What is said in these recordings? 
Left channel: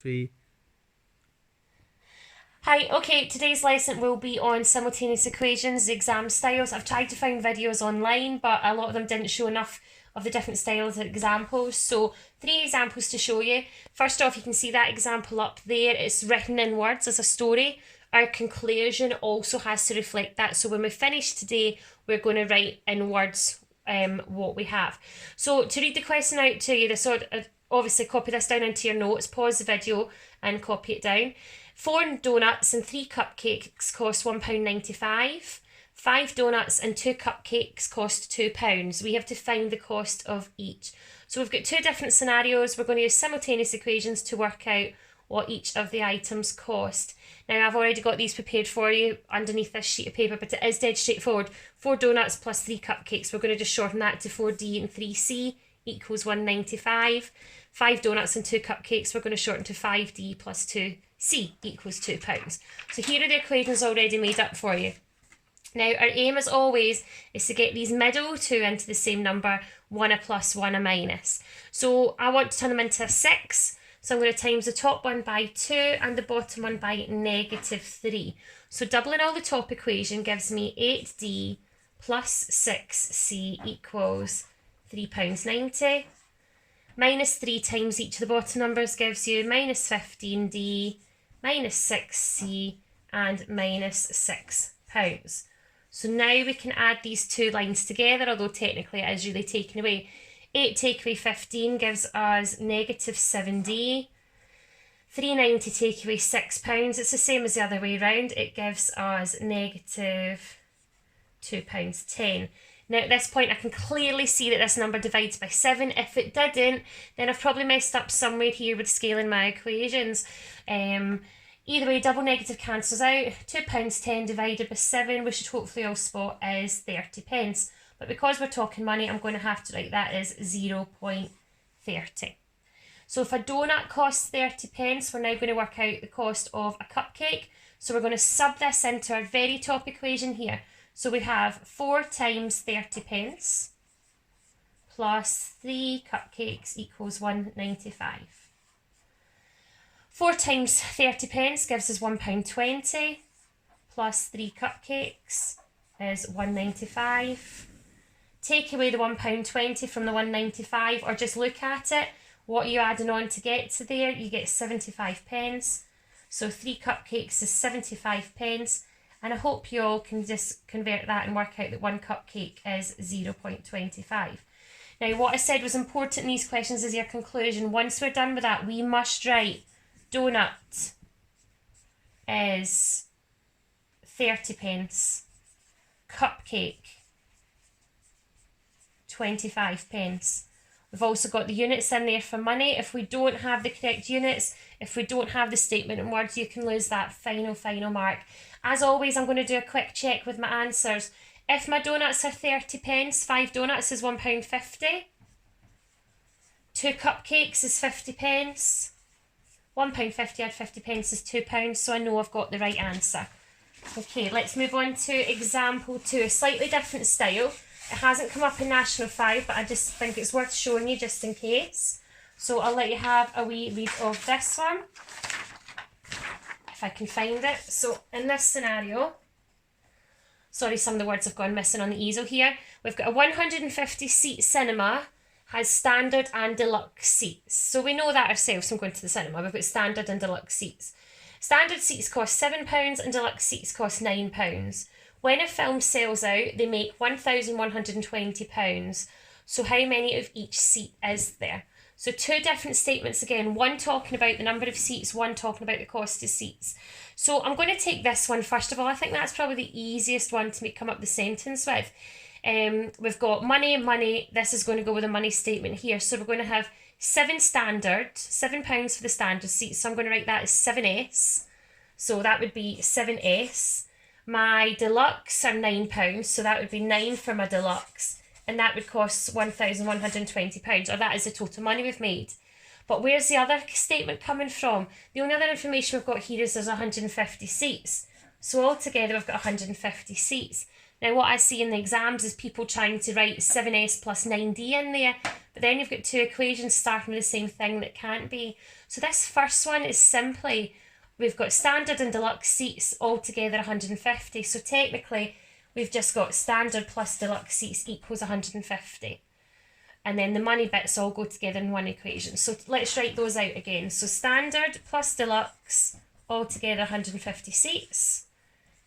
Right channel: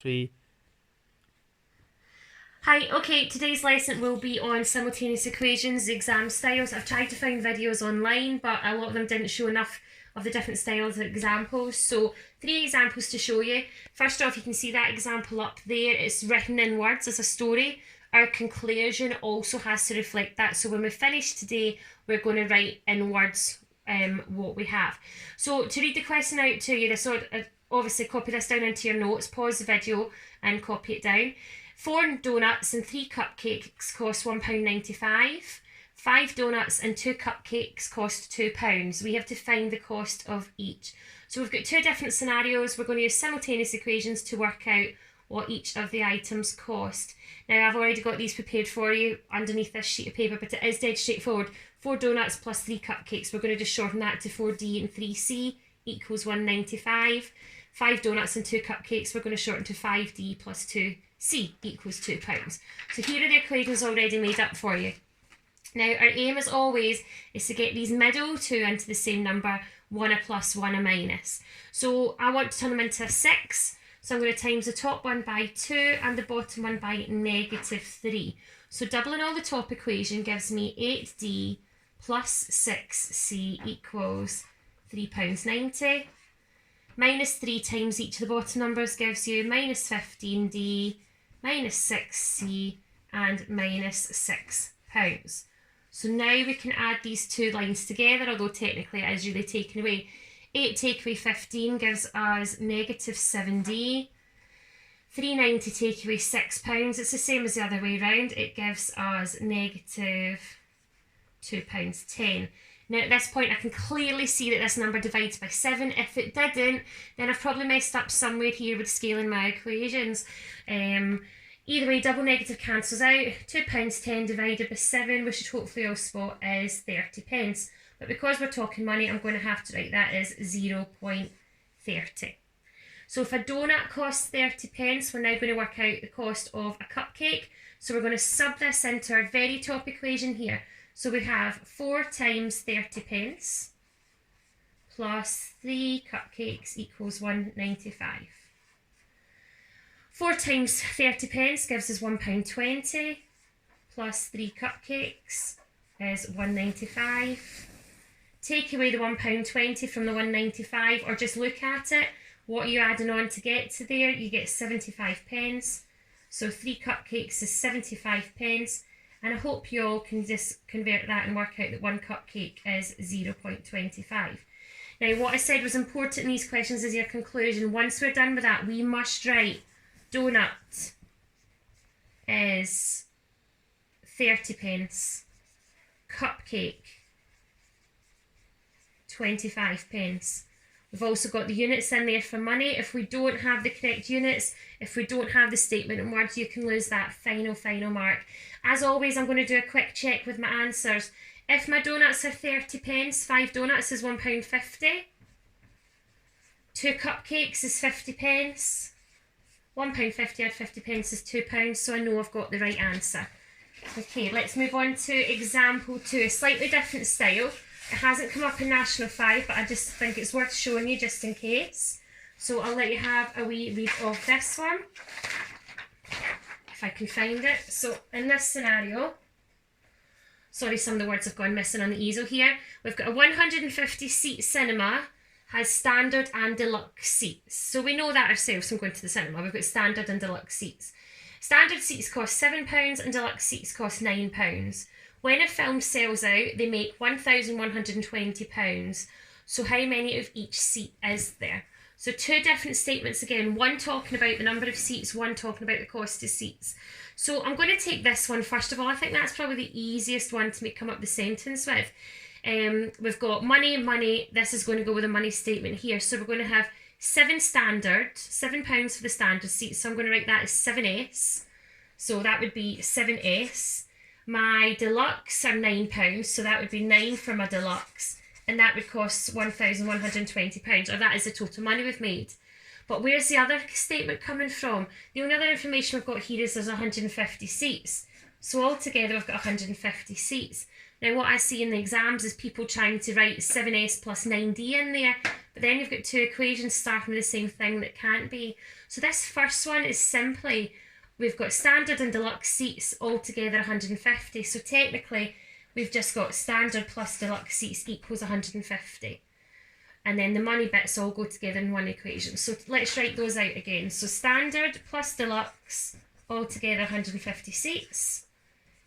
3. Hi, okay, today's lesson will be on simultaneous equations, the exam styles. I've tried to find videos online, but a lot of them didn't show enough of the different styles of examples. So 3 examples to show you. First off, you can see that example up there. It's written in words as a story. Our conclusion also has to reflect that. So when we finish today, we're going to write in words what we have. So to read the question out to you, obviously copy this down into your notes, pause the video and copy it down. 4 donuts and 3 cupcakes cost £1.95. 5 donuts and 2 cupcakes cost £2. We have to find the cost of each. So we've got 2 different scenarios. We're going to use simultaneous equations to work out what each of the items cost. Now I've already got these prepared for you underneath this sheet of paper, but it is dead straightforward. 4 donuts plus 3 cupcakes. We're going to just shorten that to 4D and 3C equals £1.95. 5 donuts and 2 cupcakes, we're going to shorten to 5D plus 2C equals £2. So here are the equations already made up for you. Now our aim as always is to get these middle two into the same number, one a plus, one a minus. So I want to turn them into a 6, so I'm going to times the top one by 2 and the bottom one by -3. So doubling all the top equation gives me 8D plus 6C equals £3.90. Minus 3 times each of the bottom numbers gives you minus 15D, minus 6C, and minus £6. So now we can add these two lines together, although technically it is really taken away. 8 take away 15 gives us negative 7D. 390 take away £6, it's the same as the other way around. It gives us negative £2.10. Now at this point I can clearly see that this number divides by 7. If it didn't, then I've probably messed up somewhere here with scaling my equations. Either way, double negative cancels out. £2.10 divided by 7, we should hopefully all spot is 30p. But because we're talking money, I'm going to have to write that as 0.30. So if a donut costs 30p, we're now going to work out the cost of a cupcake. So we're going to sub this into our very top equation here. So we have 4 times 30p plus 3 cupcakes equals £1.95. 4 times 30p gives us £1.20 plus 3 cupcakes is £1.95. Take away the £1.20 from the £1.95 or just look at it. What are you adding on to get to there? You get 75p. So 3 cupcakes is 75p. And I hope you all can just convert that and work out that 1 cupcake is 0.25. Now what I said was important in these questions is your conclusion. Once we're done with that, we must write donut is 30p, cupcake 25p. We've also got the units in there for money. If we don't have the correct units, if we don't have the statement in words, you can lose that final mark. As always, I'm going to do a quick check with my answers. If my donuts are 30p, 5 donuts is £1.50. 2 cupcakes is 50p. £1.50 add 50p is £2, so I know I've got the right answer. Okay, let's move on to example 2, a slightly different style. It hasn't come up in National 5, but I just think it's worth showing you just in case. So I'll let you have a wee read of this one, if I can find it. So in this scenario, sorry, some of the words have gone missing on the easel here. We've got a 150-seat cinema, has standard and deluxe seats. So we know that ourselves from going to the cinema. We've got standard and deluxe seats. Standard seats cost £7 and deluxe seats cost £9. When a film sells out, they make £1,120. So how many of each seat is there? So 2 different statements again, one talking about the number of seats, one talking about the cost of seats. So I'm going to take this one first of all. I think that's probably the easiest one to come up the sentence with. We've got money, this is going to go with a money statement here. So we're going to have £7 for the standard seats. So I'm going to write that as 7S. So that would be 7S. My deluxe are £9, so that would be 9 for my deluxe, and that would cost £1,120, or that is the total money we've made. But where's the other statement coming from? The only other information we've got here is there's 150 seats. So altogether we've got 150 seats. Now what I see in the exams is people trying to write 7S plus 9D in there, but then you've got 2 equations starting with the same thing that can't be. So this first one is simply, we've got standard and deluxe seats all together 150. So technically, we've just got standard plus deluxe seats equals 150. And then the money bits all go together in one equation. So let's write those out again. So standard plus deluxe, all together 150 seats.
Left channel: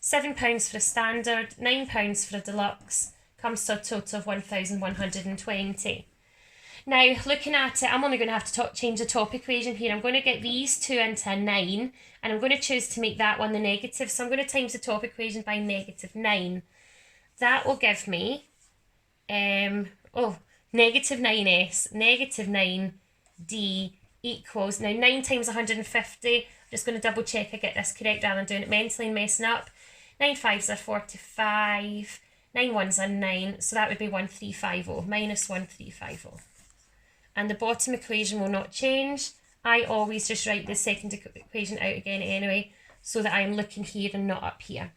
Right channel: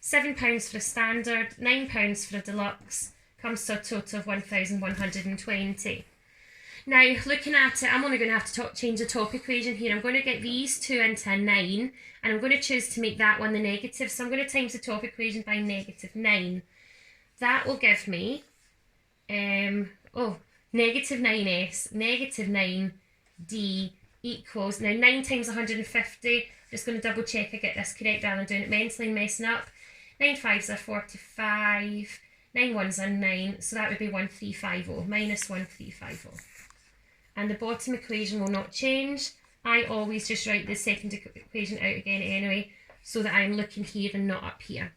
£7 for a standard, £9 for a deluxe, comes to a total of 1,120. Now, looking at it, I'm only going to have to change the top equation here. I'm going to get these two into a 9, and I'm going to choose to make that one the negative. So I'm going to times the top equation by negative 9. That will give me, negative 9s, negative 9d equals, now 9 times 150, I'm just going to double check I get this correct rather than doing it mentally and messing up. 9 5s are 45, 9 1s are 9, so that would be 1350, minus 1350. And the bottom equation will not change. I always just write the second equation out again anyway, so that I'm looking here and not up here.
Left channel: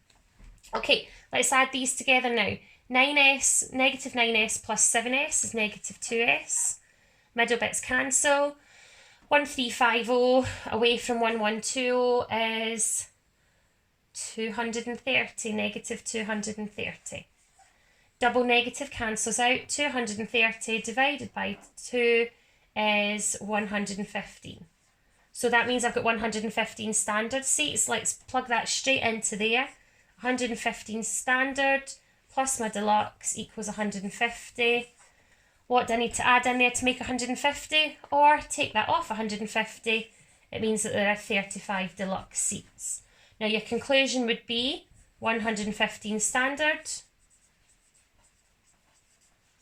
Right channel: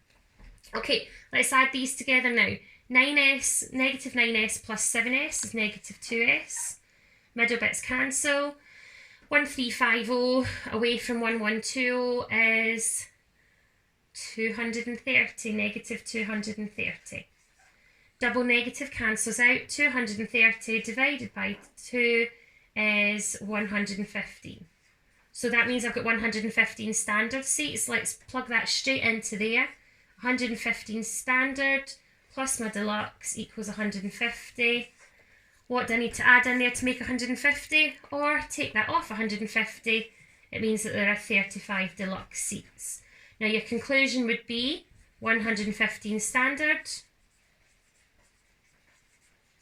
Okay, let's add these together now. 9s, negative 9s plus 7s is negative 2s. Middle bits cancel. 1350 away from 1120 is 230, negative 230. Double negative cancels out. 230 divided by 2 is 115. So that means I've got 115 standard seats. Let's plug that straight into there. 115 standard plus my deluxe equals 150. What do I need to add in there to make 150? Or take that off 150. It means that there are 35 deluxe seats. Now your conclusion would be 115 standard,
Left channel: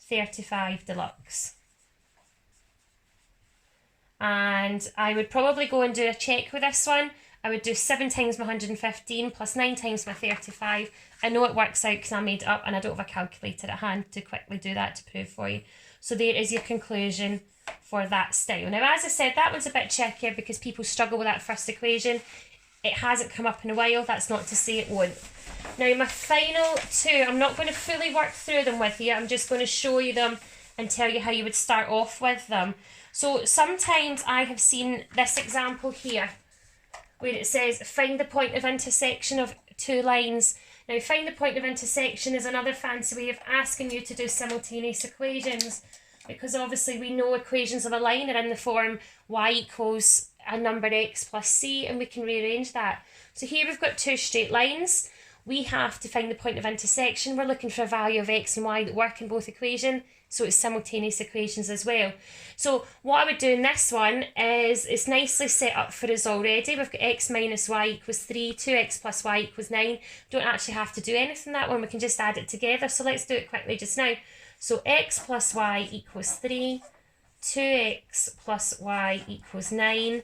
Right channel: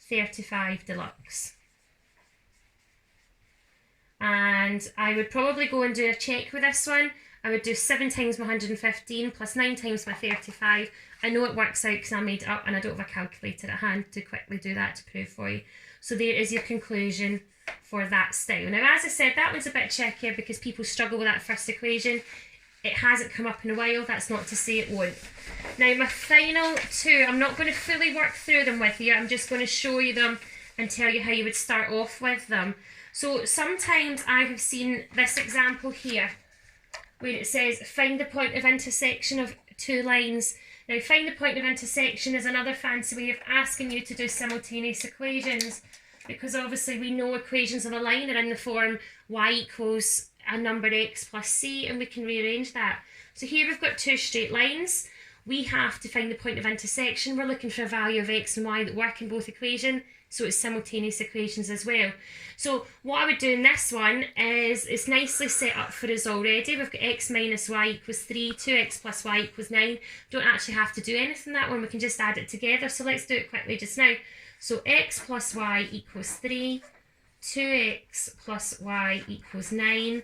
35 deluxe. And I would probably go and do a check with this one. I would do 7 times my 115 plus 9 times my 35. I know it works out because I made it up and I don't have a calculator at hand to quickly do that to prove for you. So there is your conclusion for that style. Now, as I said, that one's a bit trickier because people struggle with that first equation. It hasn't come up in a while. That's not to say it won't. Now, my final two, I'm not going to fully work through them with you. I'm just going to show you them and tell you how you would start off with them. So sometimes I have seen this example here where it says find the point of intersection of two lines. Now, find the point of intersection is another fancy way of asking you to do simultaneous equations, because obviously we know equations of a line are in the form y equals a number x plus c, and we can rearrange that. So here we've got two straight lines. We have to find the point of intersection. We're looking for a value of x and y that work in both equations, so it's simultaneous equations as well. So what I would do in this one is, it's nicely set up for us already. We've got x minus y equals 3, 2x plus y equals 9. Don't actually have to do anything that one, we can just add it together. So let's do it quickly just now. So x plus y equals 3, 2x plus y equals 9.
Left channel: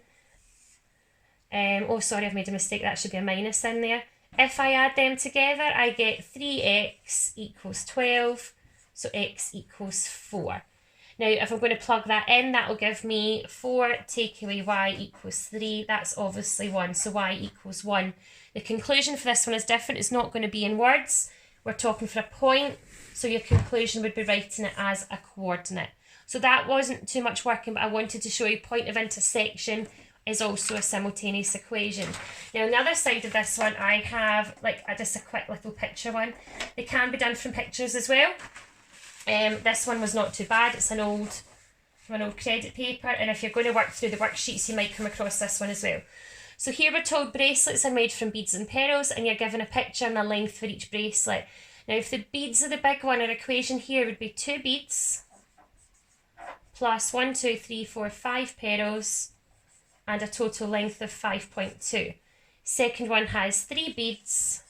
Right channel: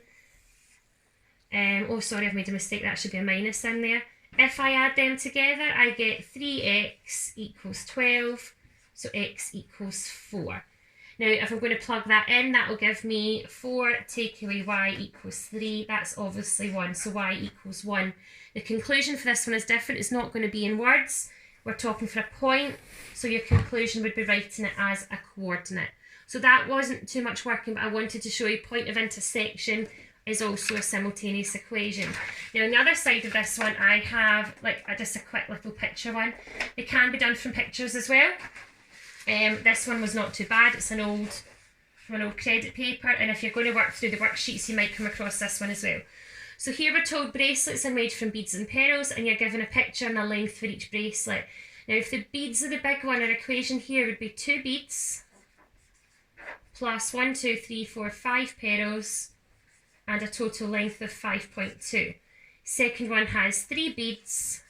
Oh, sorry, I've made a mistake. That should be a minus in there. If I add them together, I get 3x equals 12. So x equals 4. Now, if I'm going to plug that in, that will give me 4 take away y equals 3. That's obviously 1. So y equals 1. The conclusion for this one is different. It's not going to be in words. We're talking for a point. So your conclusion would be writing it as a coordinate. So that wasn't too much working, but I wanted to show you point of intersection is also a simultaneous equation. Now, on the other side of this one, I have just a quick little picture one. They can be done from pictures as well. This one was not too bad. It's from an old credit paper, and if you're going to work through the worksheets, you might come across this one as well. So here we're told bracelets are made from beads and pearls, and you're given a picture and a length for each bracelet. Now, if the beads are the big one, our equation here would be 2 beads plus 1, 2, 3, 4, 5 pearls, and a total length of 5.2. Second one has 3 beads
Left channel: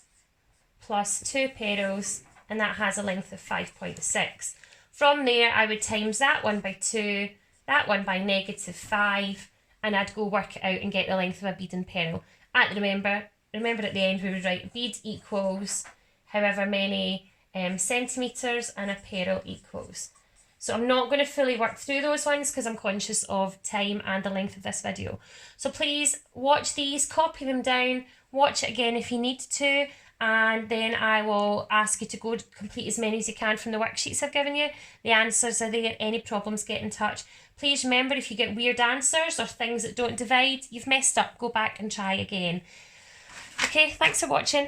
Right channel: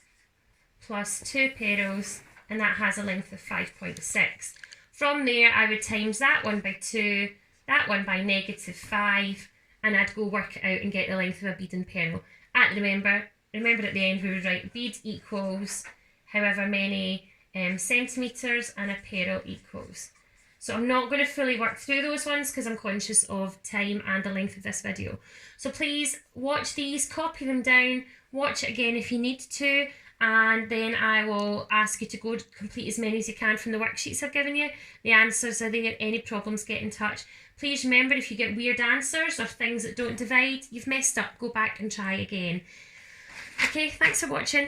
plus 2 pearls, and that has a length of 5.6. From there, I would times that one by 2, that one by negative 5, and I'd go work it out and get the length of a bead and pearl. Remember at the end we would write bead equals however many centimetres, and a pearl equals. So I'm not going to fully work through those ones because I'm conscious of time and the length of this video. So please watch these, copy them down, watch it again if you need to, and then I will ask you to go complete as many as you can from the worksheets I've given you. The answers are there. Any problems, get in touch. Please remember, if you get weird answers or things that don't divide, you've messed up. Go back and try again. Okay, thanks for watching.